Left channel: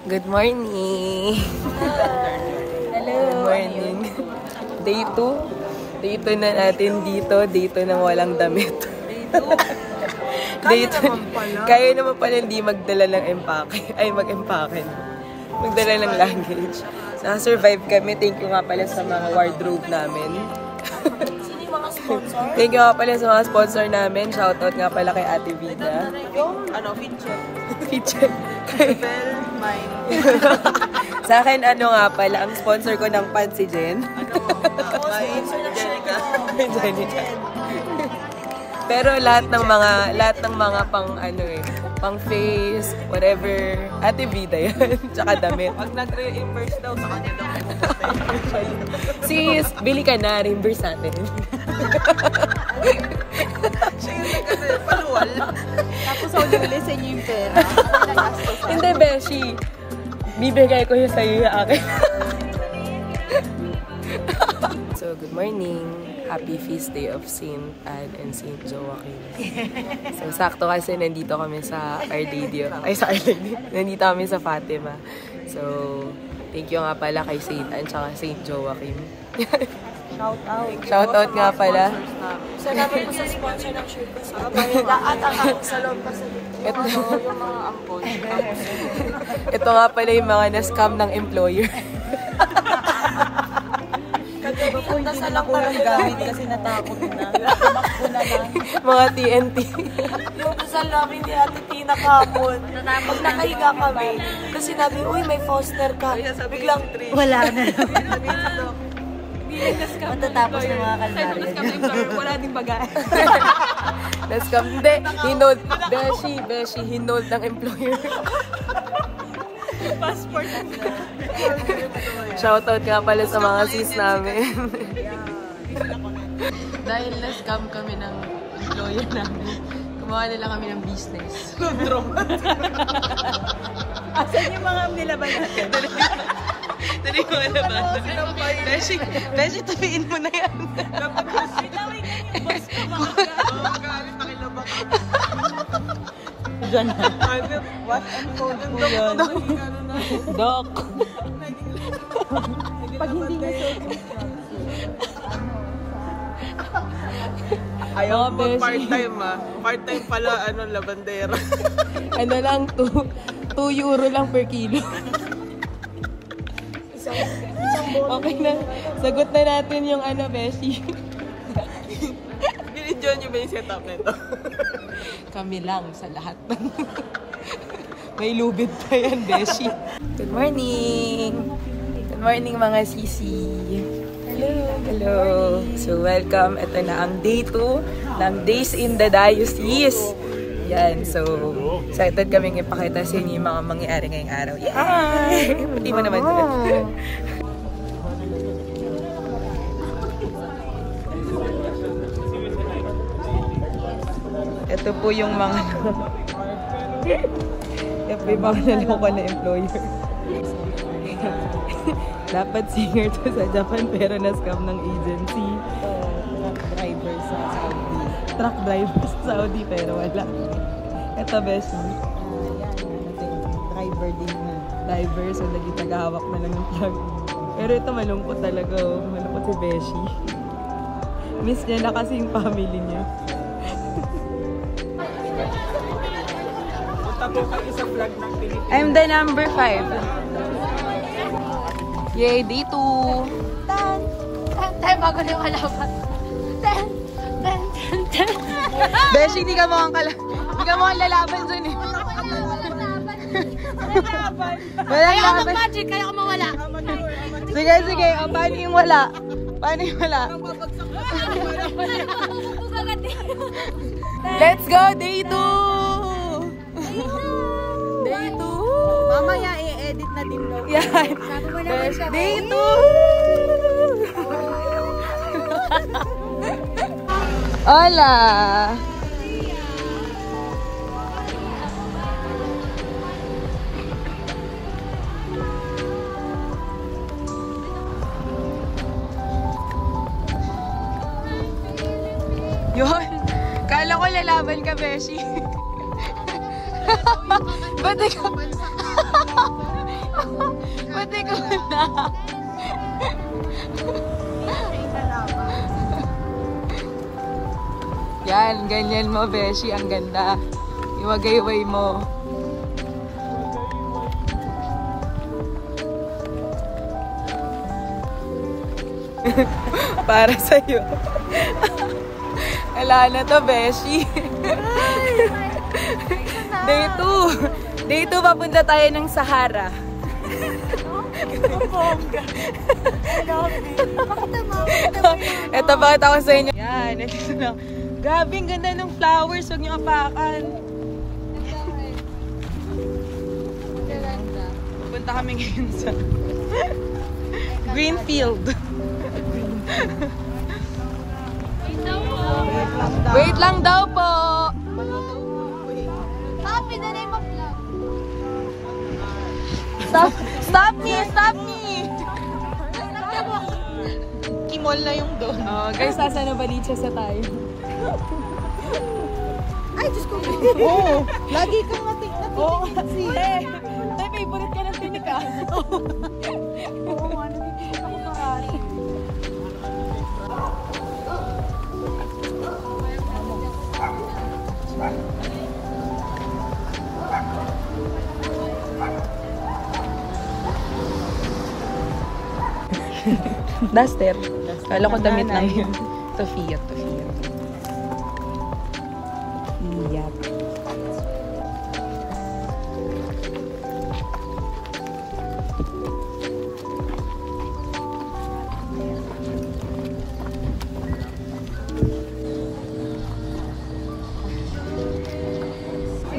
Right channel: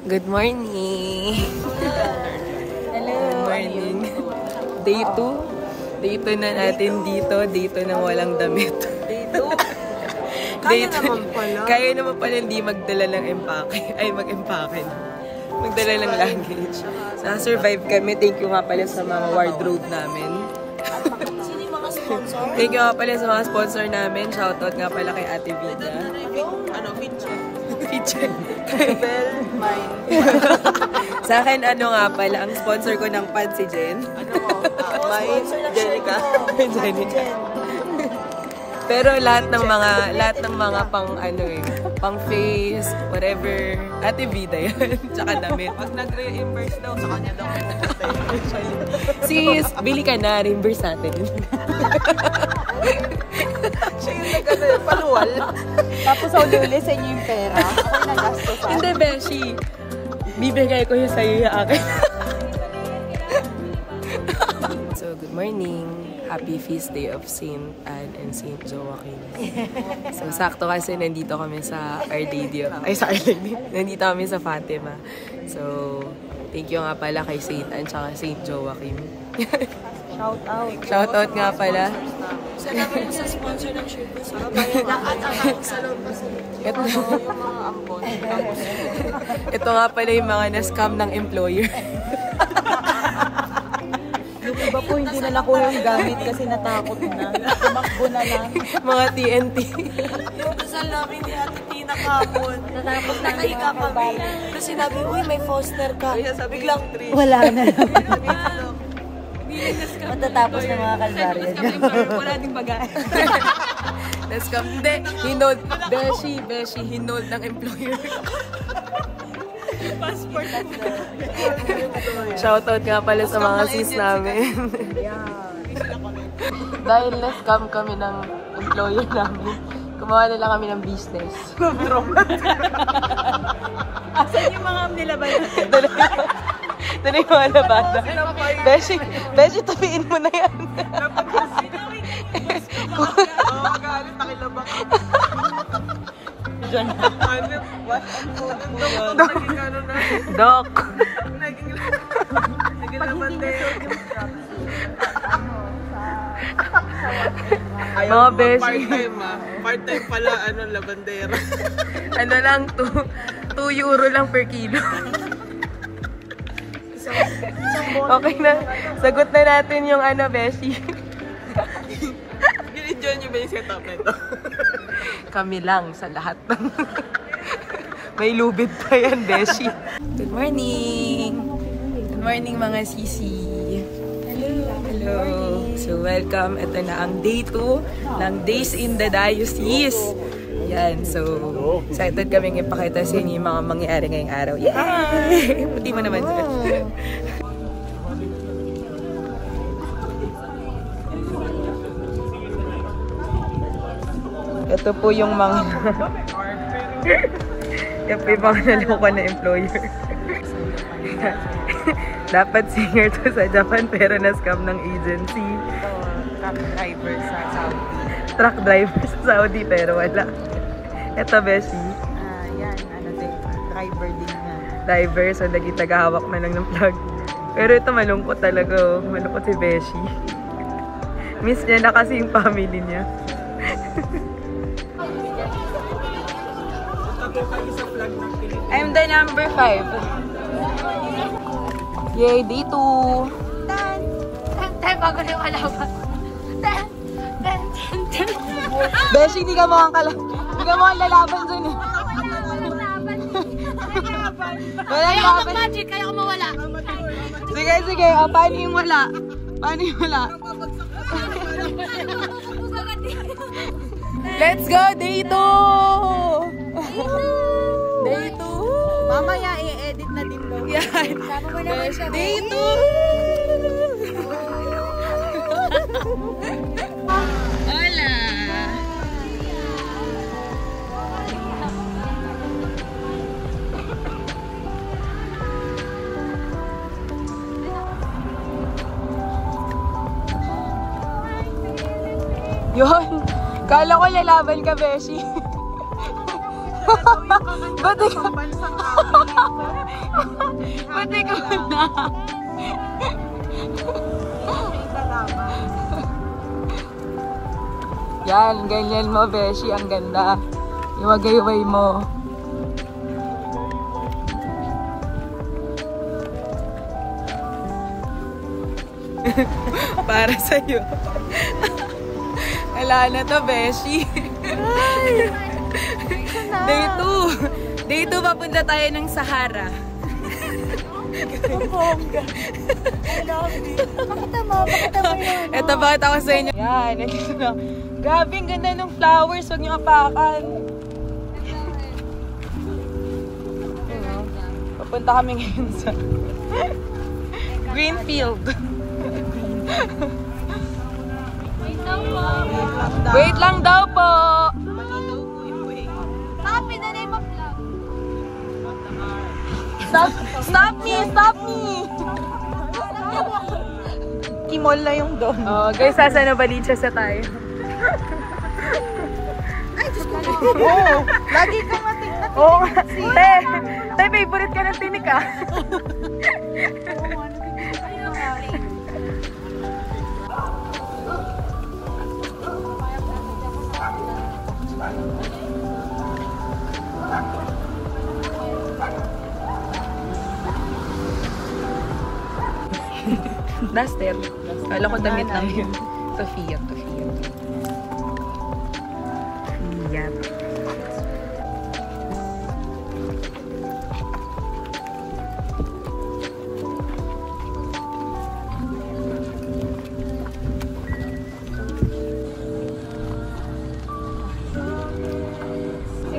Good morning! Hello! Good morning! Day 2. Day 2 na natin dito. Day 2 nang walang damit. Kaya naman pala. Kaya naman pala hindi magdala ng empake. Ay, mag-empake. Magdala ng luggage. Nakasurvive kami. Thank you nga pala sa mga wardrobe namin. Sino yung mga sponsor? Thank you nga pala sa mga sponsor namin. Shoutout nga pala kay Ate Vida. Feature. Sa akin, ano nga pala, ang sponsor ko ng pad si Jen. Jenica. Pero lahat ng mga pang ano pang face, whatever, Ate Vida yan. Tsaka damit. Pag nag-reimburse daw, sa kanya daw Sis, bili ka na, reimburse natin. paluwal. Tapos ang ulisin niyo yung pera. Hindi, Beshi. Bibigay ko yung sa'yo yung akin. So, good morning. Happy feast day of Saint Anne and Saint Joachim. So, sakto kasi nandito kami sa Our Lady. Ay, sa Our Lady. Nandito kami sa Fatima. So, thank you nga pala kay Saint Anne tsaka Saint Joachim. Shout out. Shout out nga pala. Salamat po sa sponsor ng shirt ko. Sa loob pa sa yung mga ampon. Ito nga pala yung mga na-scam ng employer. Diba po hindi na ko yung gamit kasi natakot na. Tumakbo na lang. Mga TNT. Yung dasal namin ni Ate Tina kapon. Pag nakahiga kami, kasi sinabi, uy may foster ka. Biglang Wala na. matatapos ng mga kalbaryo. Wala din bagaan. Na-scam. Hindi. Hinold. Beshi. Hinold ng employer. Passport. Shoutout nga pala sa mga sis namin. Dahil na-scam kami ng employer namin, gumawa na lang kami ng business. Asan yung mga nilabayan? Dali yung mga labada. Beshi, tapiin mo na yan. Dok. Mga beshi. Part-time part-time pala, labandera. Ano lang, 2 euro lang per kilo. Okay na. Sagot na natin yung beshi. Binidyon nyo ba yung setup na ito? Kami lang sa lahat ng... May lubid pa yan, beshi. Good morning! Good morning mga sisi. Hello! So, welcome. Ito na ang day 2 ng Days in the Diocese. Yan. So, excited kaming ipakita sa inyo yung mga mangyayari ngayong araw. Yay! Puti mo naman dyan. Ito po yung mga yan po yung mga naloko na employer. Dapat singer to sa Japan pero na-scam ng agency. Truck driver sa Saudi pero wala. Ito, Beshi. Driver din na. Driver, so lagi tagahawak na lang ng plug. Pero ito malungkot talaga. Malungkot si Beshi. Miss niya na kasi yung family niya. I'm the number 5. Yay, day 2. Bago na yung alaman. Beshi, hindi ka mukhang lalaban dun eh. Walang Kaya ako laban. magic, kaya ako mawala. Sige. Paano yung wala? Let's go, day 2! Mamaya i-edit na din mo. Yan. Day 2! Hola! Yun. Kala ko lalaban ka, Beshi. Ba't ikaw? Yan, ganyan mo, Beshi. Ang ganda. Iwagay-way mo. Para sa'yo. Wala na to, Beshi. Day 2. Day 2, papunta tayo ng Sahara. Ito, bakit ako sa inyo? Yan, ito na. Grabe, ang ganda ng flowers. Huwag niyo apakan. Papunta kami ngayon sa Greenfield. Wait lang daw po. Stop me, the name of love. Stop me! Stop me! Kimol na yung doon. Oh, guys, sasa na balitsa sa tayo. Ay, Diyos ko. Oo. Lagi kang matik-natik. Oo. Te, favorite ka ng tinik ah. Duster. Kala ko damit lang yun. Ito Fiat. Fiat.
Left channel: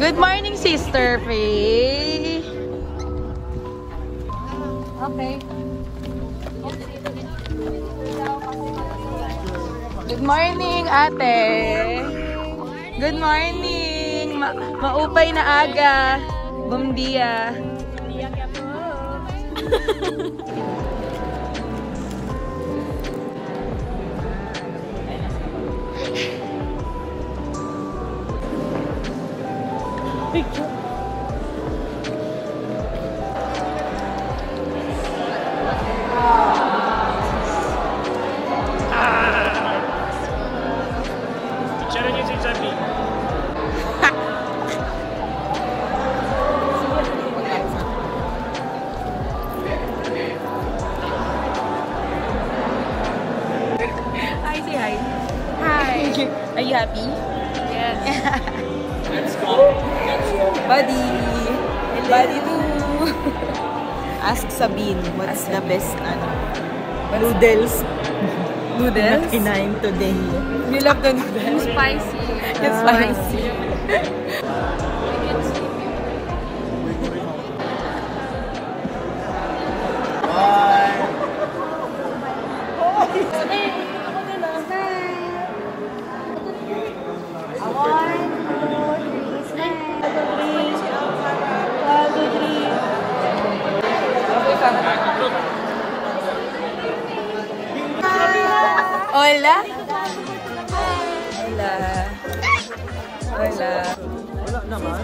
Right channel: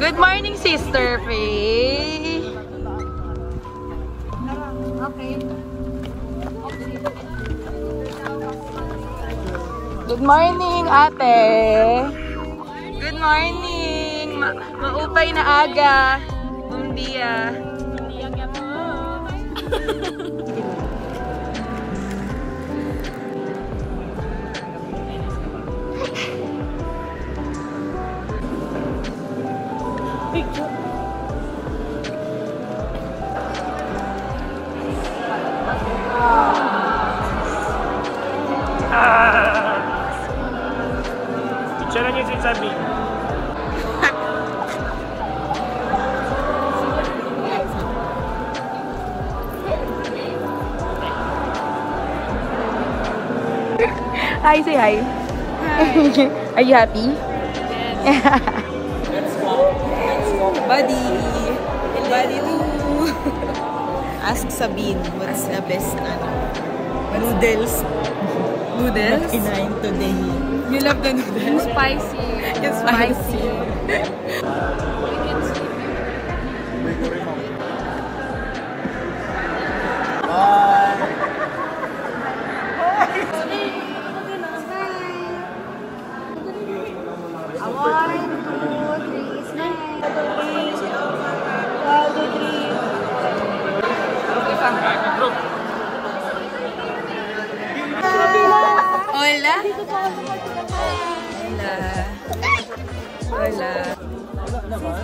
Good morning, Sister Faye. Okay. Good morning, ate. Good morning. Maupay na aga. Bom dia. Hi, say hi. Hi. Are you happy? Yes. Buddy too. Ask Sabine. What's the best noodles? Noodles? Kinain today. You love the noodles? Spicy. It's spicy. Hola. Hola. Hola. Wala naman.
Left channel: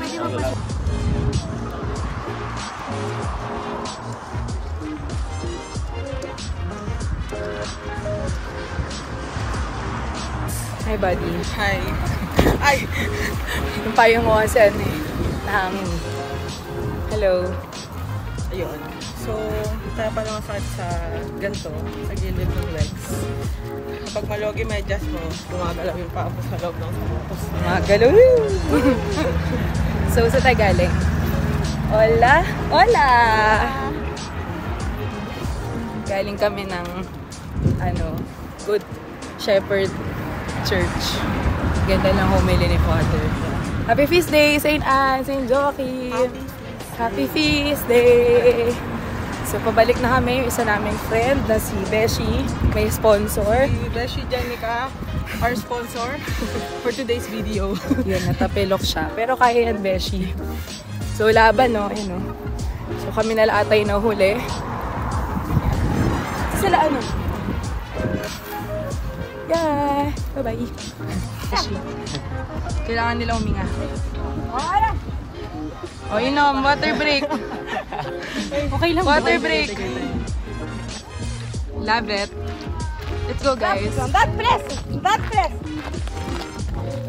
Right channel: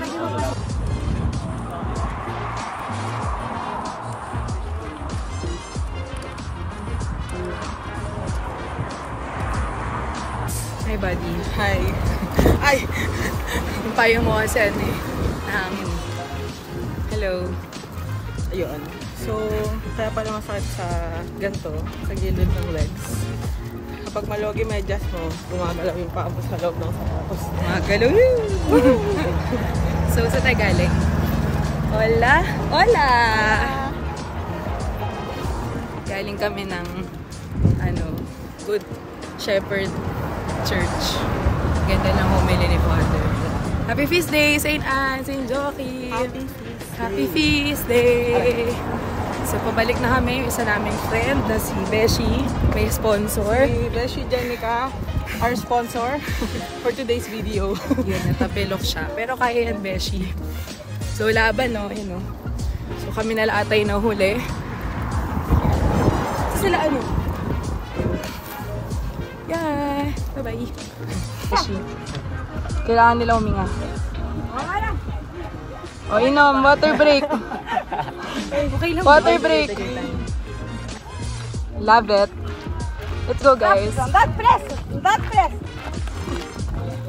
Hi, buddy. Hi. Ay! Yung payo mo kasi ano eh. Nahangin. Hello. Ayun. So, kaya pala masakit sa ganito, sa gilid ng legs. Kapag malogi medyas mo, gumagalaw yung paa mo sa loob ng sapatos. Magalaw. So, sa tayo galing? Hola. Hola. Galing kami ng Good Shepherd Church. Ganda lang humili ni Pato. Happy Feast Day, St. Anne, St. Joachim. Happy Feast Day. So, pabalik na kami. Yung isa naming friend na si Beshi. May sponsor. Si Beshi Jenica, our sponsor for today's video. Yun, natapilok siya. Pero kaya yan, Beshi. So, laban, no? So, kami na laatay na huli. So, sila ano? Yeah! Bye-bye! Kailangan nila huminga. O, yun o, water break. Okay lang. Water break. Love it. Let's go, guys. Not press! Not press!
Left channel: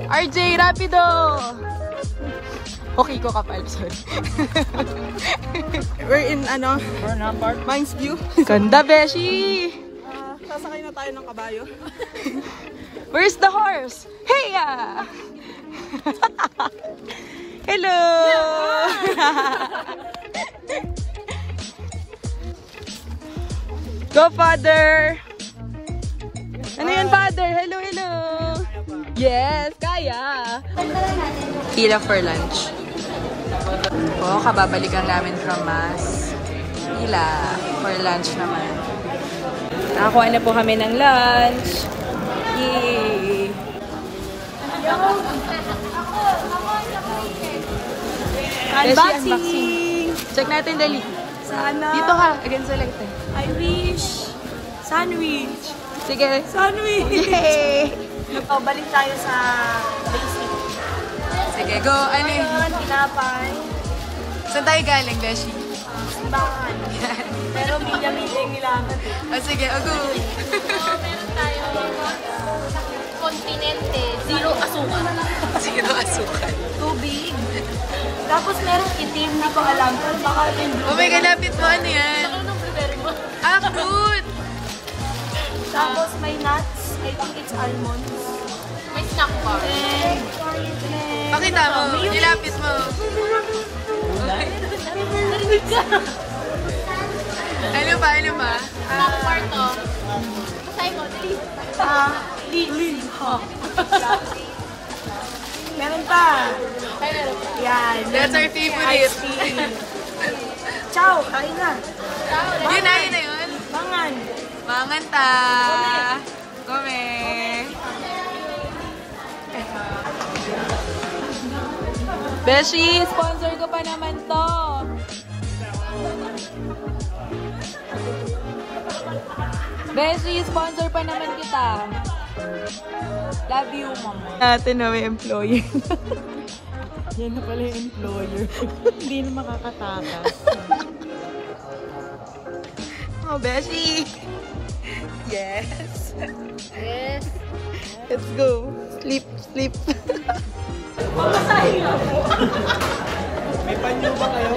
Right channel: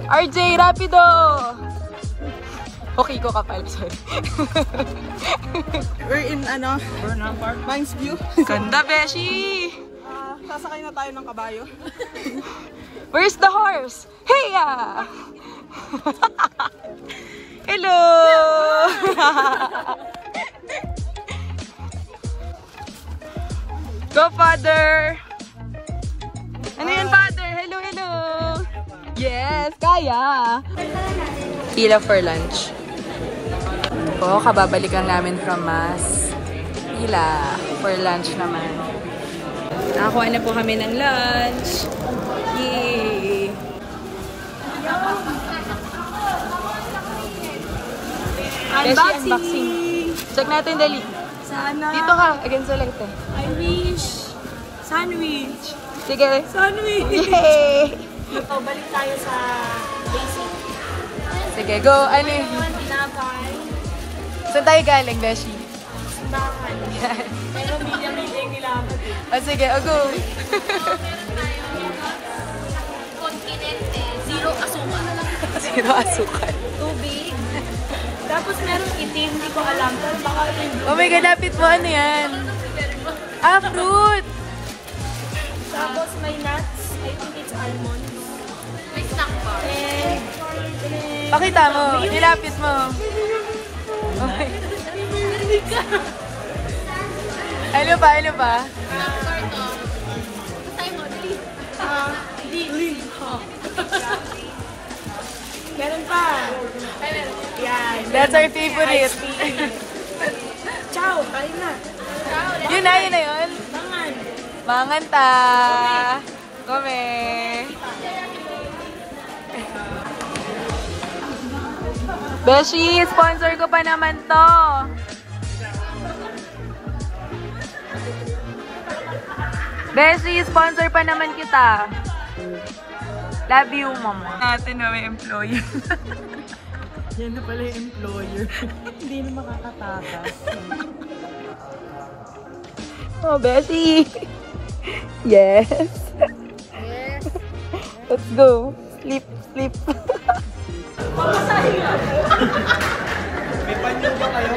RJ, rapido! Okay ko kapal, sorry. We're in, Mines View. Ganda, Beshi! Sasakay na tayo ng kabayo. Where's the horse? Heya! Hello! Go, Father! Ano yun, Father? Hello, hello! Yes, kaya! Pila for lunch. Po, kababalikan namin from Mass. Pila for lunch naman. Nakakuha na po kami ng lunch. Yay! Unboxing! Check natin, dali. Sana. Dito ka, against the light eh. I wish. Sandwich. Sige. Sandwich. Yay! O, balik tayo sa basic. Sige, go. Ano eh? Tinapay. Saan tayo galing, Beshi? Simbahan. Pero milya-milya yung nilakad eh. Ah, sige, go. Continente. Zero asukal. Zero asukal. Tubig. Tapos merong itim, hindi ko alam. Pero baka ito yung Oh my blueberry. God, lapit mo. Ano yan? Ah, fruit! Tapos may nuts. I think it's almonds. May snack pa. And Pakita mo. Nilapit mo. Ano ba? Ano ba? meron pa. Yan. That's our favorite. Ciao, kain na. Yun na, yun na yun. Mangan. Mangan ta. Kome. Beshi, sponsor ko pa naman to. Beshi, sponsor pa naman kita. Love you, mama. Natin na may employee. Yan na pala yung employer. Hindi na makakatakas. Oh, Beshi. Yes. Yes. Let's go. Sleep, sleep. May panyo ba kayo?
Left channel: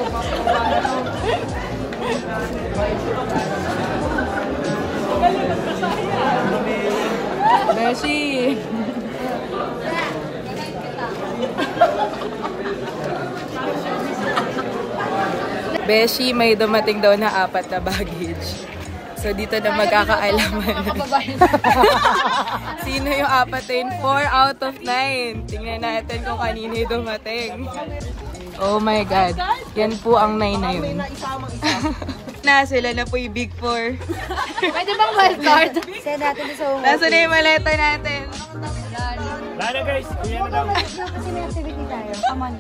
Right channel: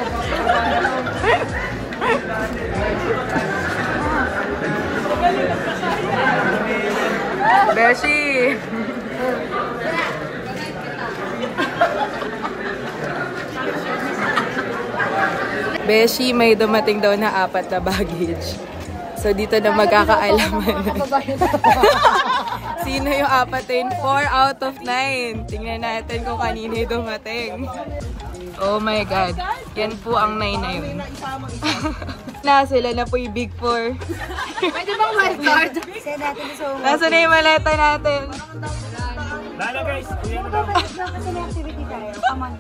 Beshi. Beshi, may dumating daw na 4 na baggage. So, dito na magkakaalaman. Sino yung 4 yun? 4 out of 9. Tingnan natin kung kanino yung dumating. Oh my God. Yan po ang 9 na yun. Na, sila na po yung Big 4. Pwede bang wildcard? Say natin sa Nasa na yung maleta natin? Dahil na guys, uwi na daw. kasi may activity tayo. Come on.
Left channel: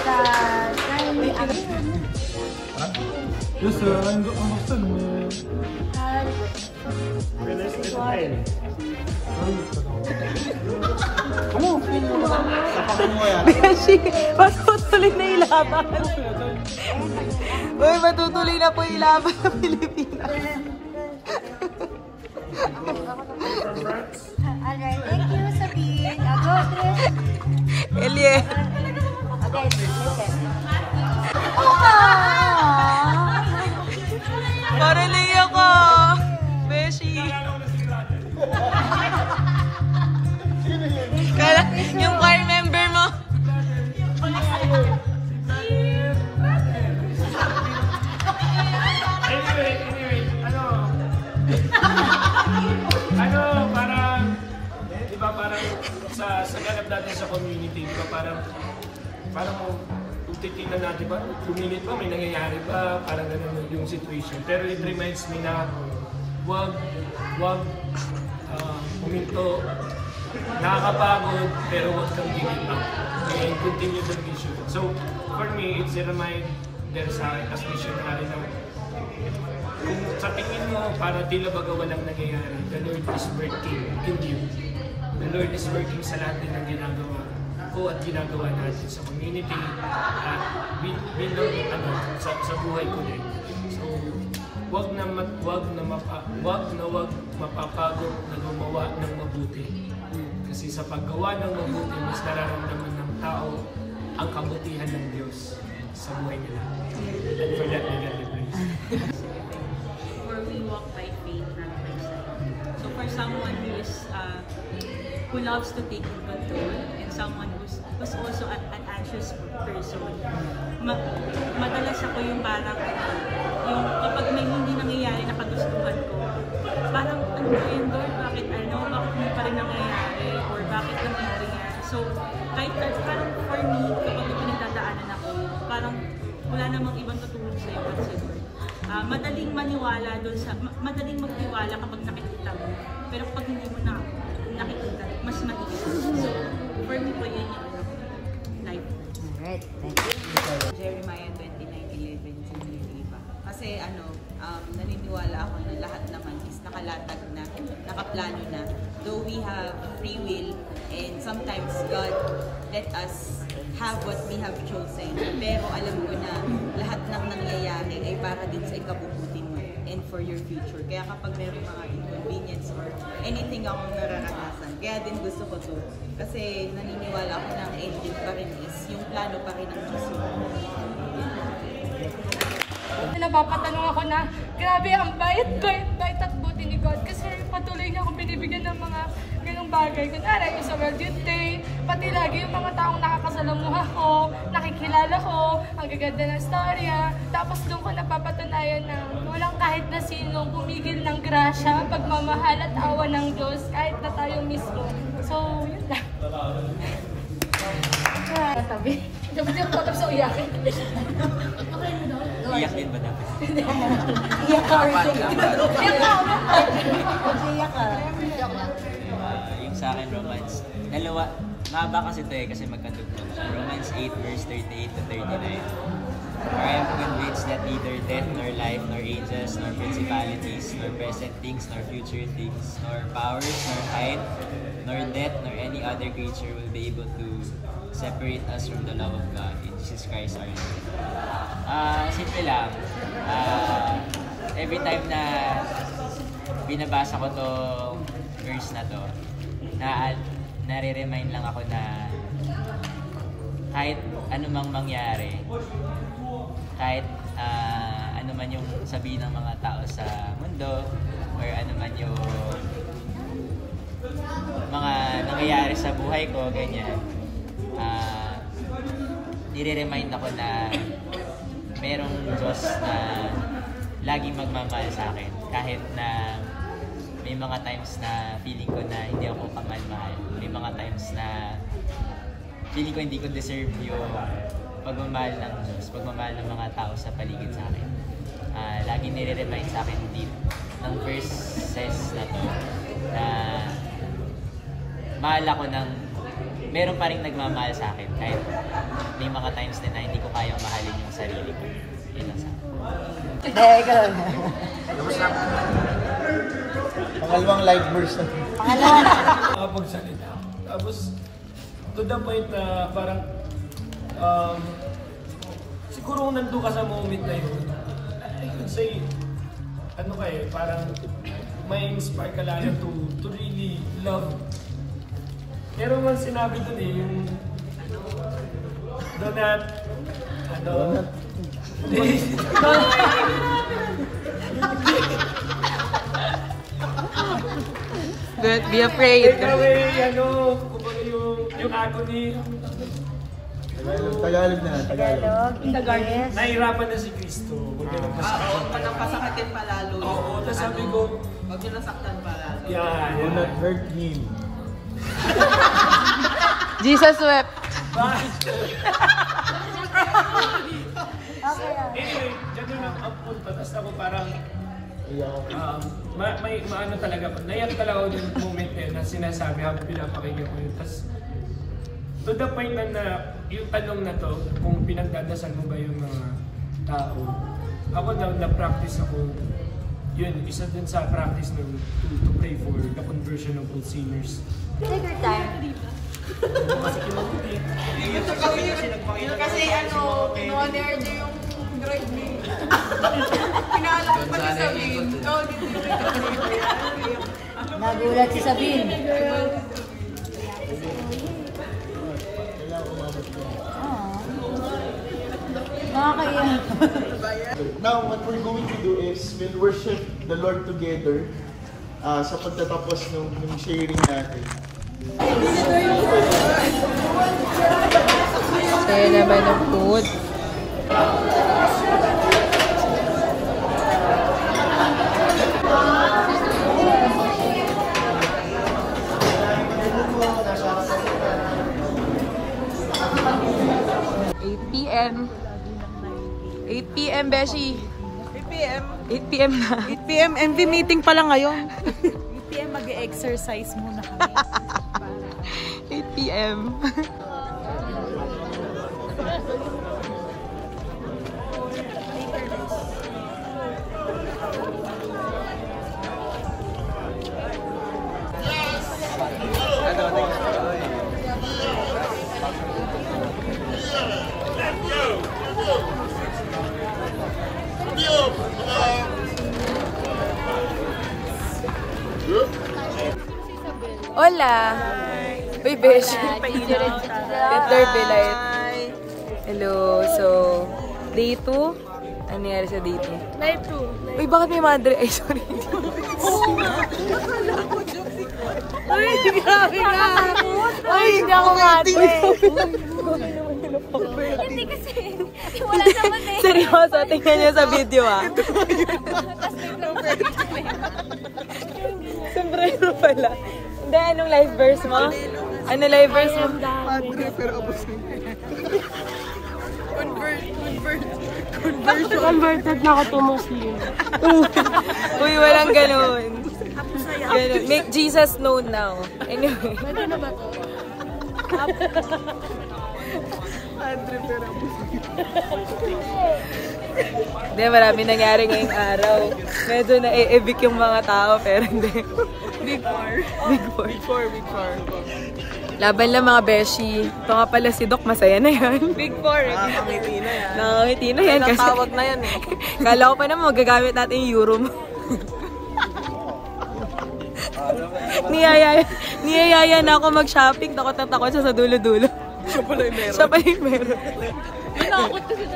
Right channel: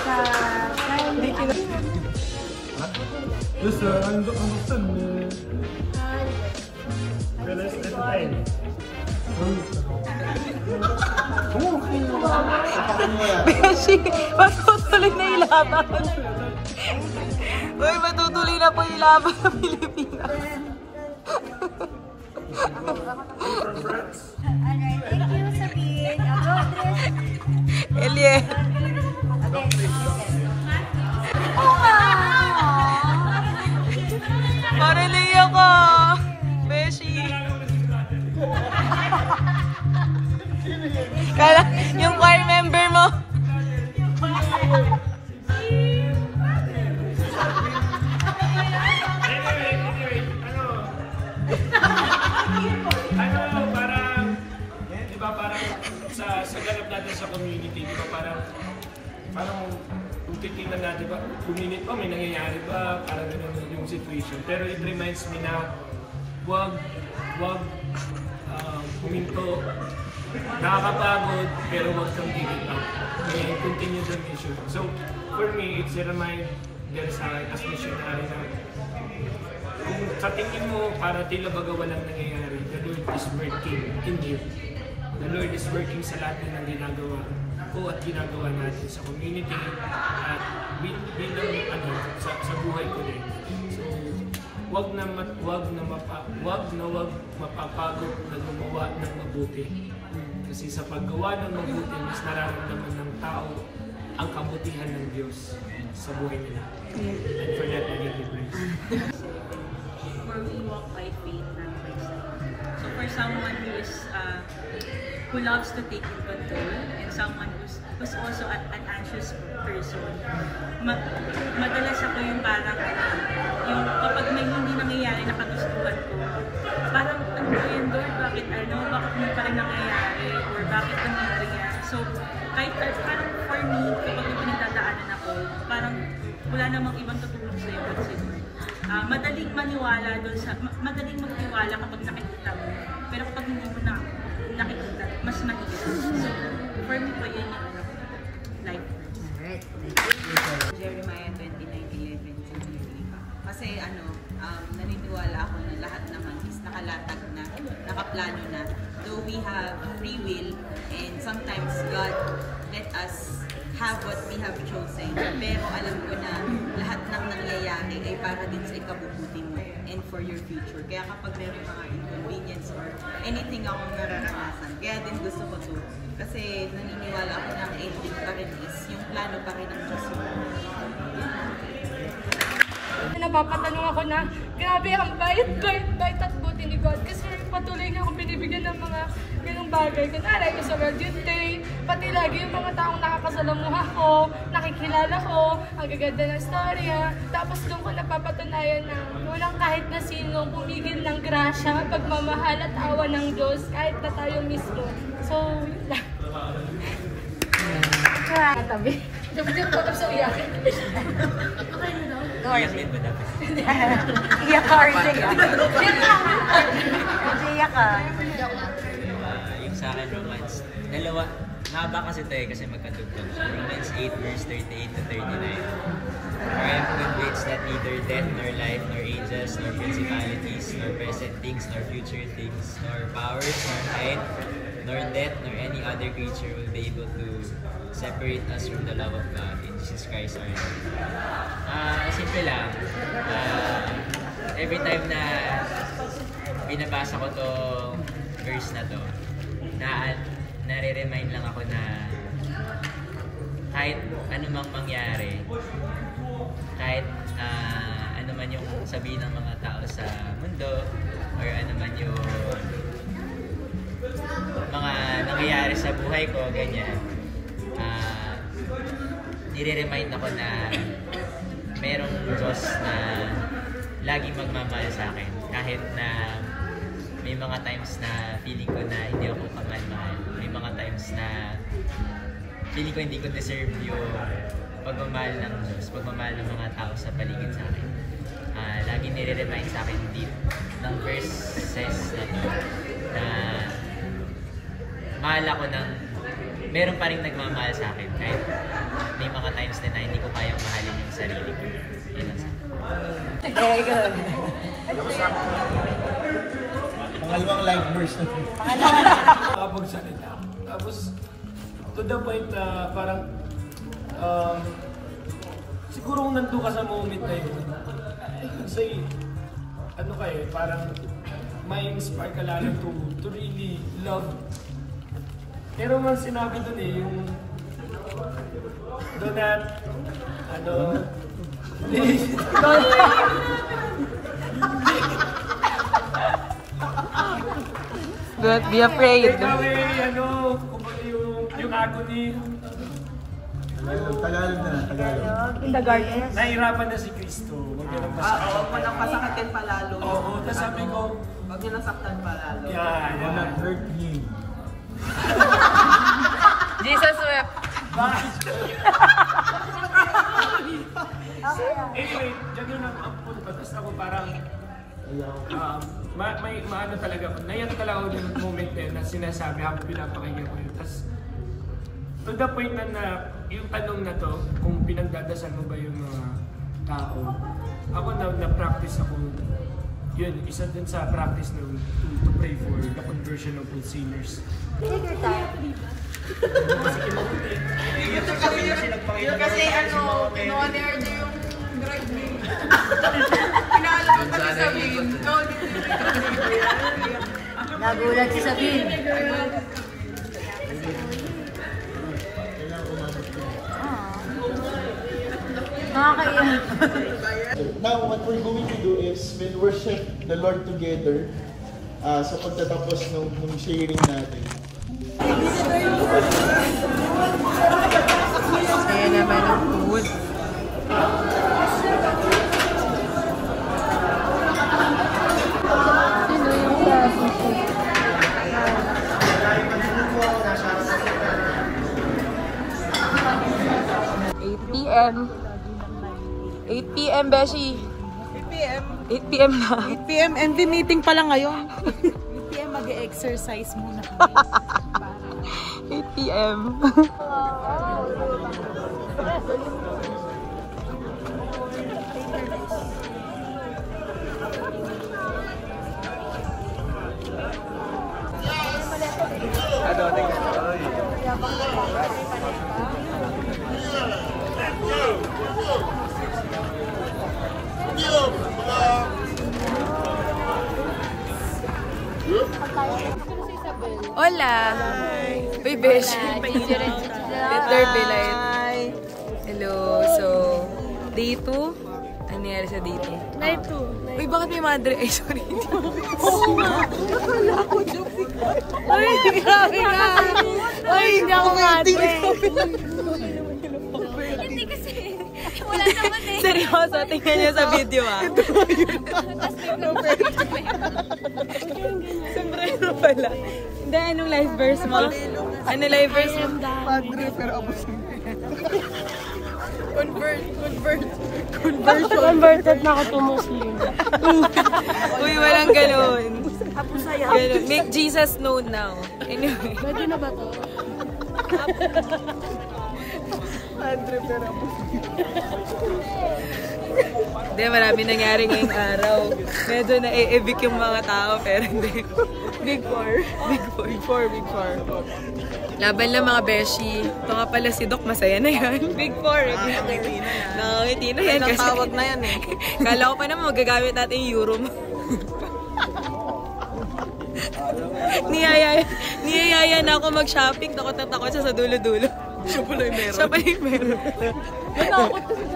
Sa 9 Gusto mo. Beshi, matutuloy na yung laban. Uy, matutuloy na po yung laban ng Pilipinas. Alright, thank you, Sabine. Eliet. Parang naiyak ko. Beshi. Kala, yung choir member mo. Parang sa ganap natin sa community, di ba parang kung titignan natin ba, luminit pa, may nangyayari ba, parang ganun yung situation. Pero it reminds me na wag huminto, nakakapagod, pero wag kang giving up. And continue the mission. So, for me, it's a reminder sa akin as missionary na kung sa tingin mo, para tila baga walang nangyayari, the Lord is working in you. The Lord is working sa lahat din ng ginagawa ko at ginagawa natin sa community at bilang sa buhay ko din. So, wag na mapapagod na gumawa ng mabuti. Kasi sa paggawa ng mabuti, mas nararamdaman ng tao ang kabutihan ng Diyos sa buhay nila. And for that, I give the praise. For we walk by faith, not by sight. So for someone who loves to take in control, and someone who's also an anxious person, madalas ako yung parang yung kapag may hindi nangyayari na kagustuhan ko, parang ano ba yun, Lord, bakit hindi pa rin nangyayari, or bakit nangyayari yan. So kahit parang for me, kapag may pinagdadaanan ako, parang wala namang ibang tutulong sa'yo kasi Lord. Madaling maniwala doon madaling magtiwala kapag nakikita mo, pero kapag hindi mo nakikita, mas mahirap. So for me po yun yung life. Alright, thank you. Jeremiah 29:11 kasi naniniwala ako na lahat naman is nakalatag na, nakaplano na. Though we have free will and sometimes God let us have what we have chosen, pero alam ko na lahat ng nangyayari ay para din sa ikabubuti mo and for your future. Kaya kapag meron mga inconvenience or anything akong nararanasan, kaya din gusto ko to. Kasi naniniwala ako na ang ending pa rin is yung plano pa rin ng Diyos. Napapatanong ako na, grabe ang bait at buti ni God. Kasi patuloy niya akong binibigyan ng mga ganong bagay. Kunwari, yung sa World Youth Day, pati lagi yung mga taong nakakasalamuha ko, nakikilala ko, ang gaganda ng storya. Tapos doon ko napapatunayan na walang kahit na sinong pumigil ng grasya, pagmamahal at awa ng Diyos, kahit na tayo mismo. So, yun lang. Katabi. Dapat yung patap sa uyakin. Iyak din ba dapat? Iyak ka rin siya. Iyak ka. Yung sa akin, Romans, dalawa, mahaba kasi ito kasi magkatugtog siya. Romans 8 verse 38 to 39. For I am convinced that neither death, nor life, nor angels, nor principalities, nor present things, nor future things, nor powers, nor height, nor depth, nor any other creature will be able to separate us from the love of God in Jesus Christ our Lord. Simple lang. Every time na binabasa ko tong verse na to, nare-remind lang ako na kahit anumang mangyari, kahit ano man yung sabihin ng mga tao sa mundo, or ano man yung mga nangyayari sa buhay ko, ganyan, nire-remind ako na merong Diyos na laging magmamahal sa akin. Kahit na may mga times na feeling ko na hindi ako kamahal-mahal. May mga times na feeling ko hindi ko deserve yung pagmamahal ng Diyos, pagmamahal ng mga tao sa paligid sa akin. Laging nire-remind sa akin deep ng verses na to na mahal ako ng meron pa rin nagmamahal sa akin kahit may mga times din na hindi ko kayang mahalin yung sarili ko. Yun lang sa akin. Pangalawang live verse na ito. Makapagsalita. Tapos, to the point na parang siguro kung nandun ka sa moment na yun, I could say, parang may inspire ka lalo to really love. Pero nga sinabi doon yung donut, Don't be afraid. Kumbaga yung agony. Tagalog na, Tagalog. In the garden. Nahihirapan na si Cristo. Huwag niya nang pasaktan. Huwag mo nang pasakatin palalo. Oo, tapos sabi ko, huwag niyo nasaktan palalo. Do not hurt him. Jesus wept. Anyway, ganun ang punto. Tapos ako parang maano talaga ako. Naiyak talaga ako yung moment na sinasabi habang pinapakinggan ko yun. Tapos to the point na yung tanong na to, kung pinagdadasal mo ba yung mga tao, ako na-practice ako. Yun, isa din sa practice na to pray for the conversion of all sinners. Take your time. Kasi no-order niyo yung drive me. Pinaalam pa Sabihin ko. Nagulat si Sabihin. Now, what we're going to do is we'll worship the Lord together sa pagtatapos ng sharing natin. Kaya naman ang food. PM. 8 PM, Beshi. 8 PM. 8 PM na. 8 PM, MV meeting pala ngayon. 8 PM mag-exercise muna. 8 PM. Hola! Uy, Besh. Peter Belait. Hello. So, day 2? Ano nangyari sa day 2? Night 2. Uy, bakit may madre? Ay, sorry. Ay, grabe nga. Ay, hindi ako madre. Wala naman eh. Seryoso, tingnan niyo sa video ah. Tapos biglang Sombrero pala. Hindi, anong live verse mo? Ano live verse mo? Converted na ako to Muslim. Uy, walang ganun. Ganun. Make Jesus known now. Anyway. Pwede na ba to? Hindi, marami nangyari ngayong araw. Medyo na-evict yung mga tao, pero hindi. Big 4. Big 4. Laban lang mga beshi. Ito nga pala si Doc, masaya na yan. Big 4. Nakangiti na yan. Nakangiti na yan. Ilang tawag na yan eh. Kala ko pa naman magagamit natin yung euro mo. Niyayaya na ako mag-shopping. Takot na takot siya sa dulo-dulo. Siya pala yung meron. Siya pala yung meron. Nakakot kasi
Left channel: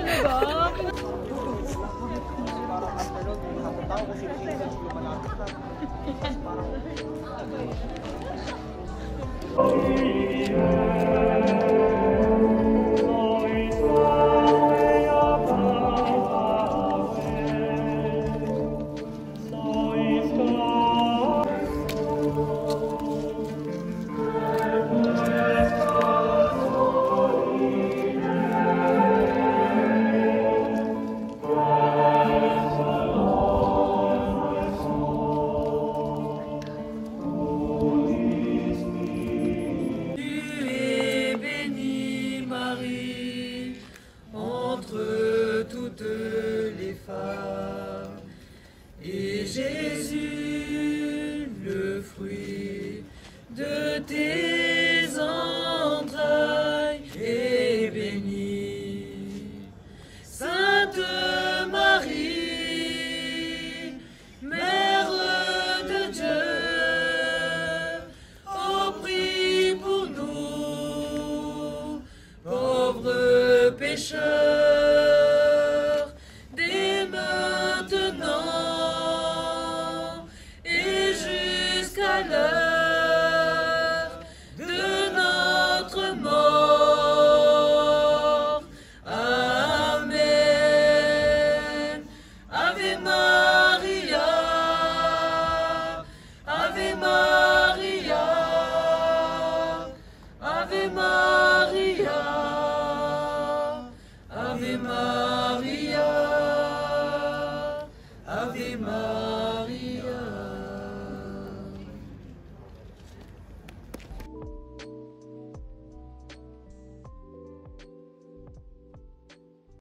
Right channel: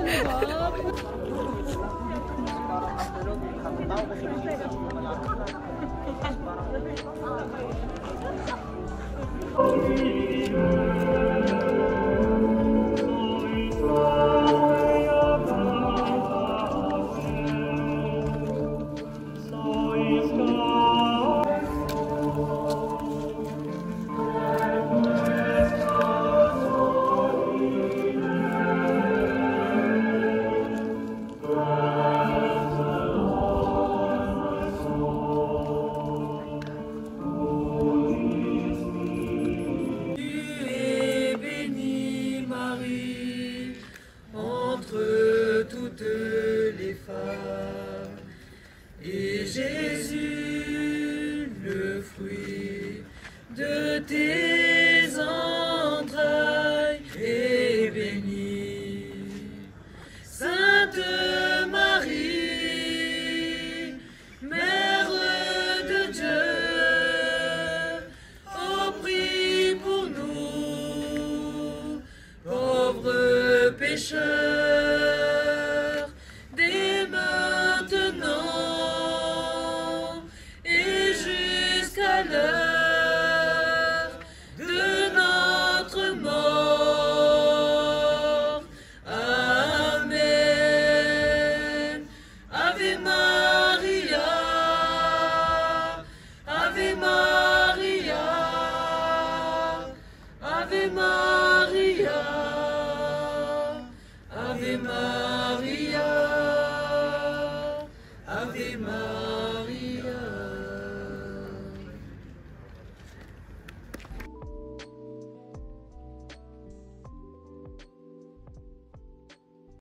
talaga. Et Jésus, le fruit de tes entrailles, est béni. Sainte Marie, Mère de Dieu, oh, prie pour nous, pauvres pécheurs, dès maintenant et jusqu'à l'heure de notre mort. Amen. Ave Maria, Ave Maria, Ave Maria, Ave Maria, Ave Maria.